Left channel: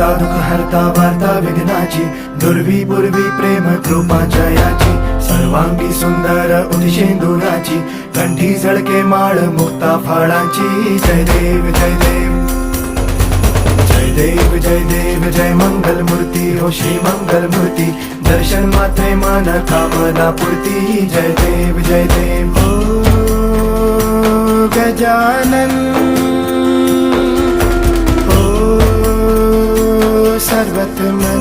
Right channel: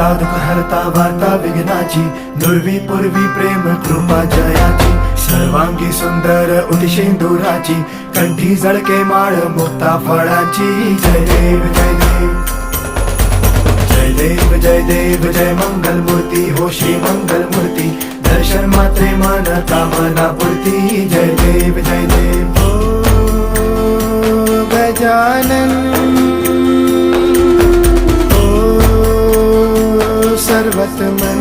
दाता दुःख हरता वार्ता विघ्नाची, दुर्वी पूर्वी प्रेम कृपा जयाची, सर्वांगी सुंदर उदिशेंदुराची, कंठी झळके माळ मुक्ता फळाची. जय देव जय देव जय देव जय देव जय मंगल मूर्ती हो श्री मंगल मूर्ती, दर्शन मात्रे मान कामना पूर्ती. जय देव जय देव ओ गजानन ओ सर्वतमन.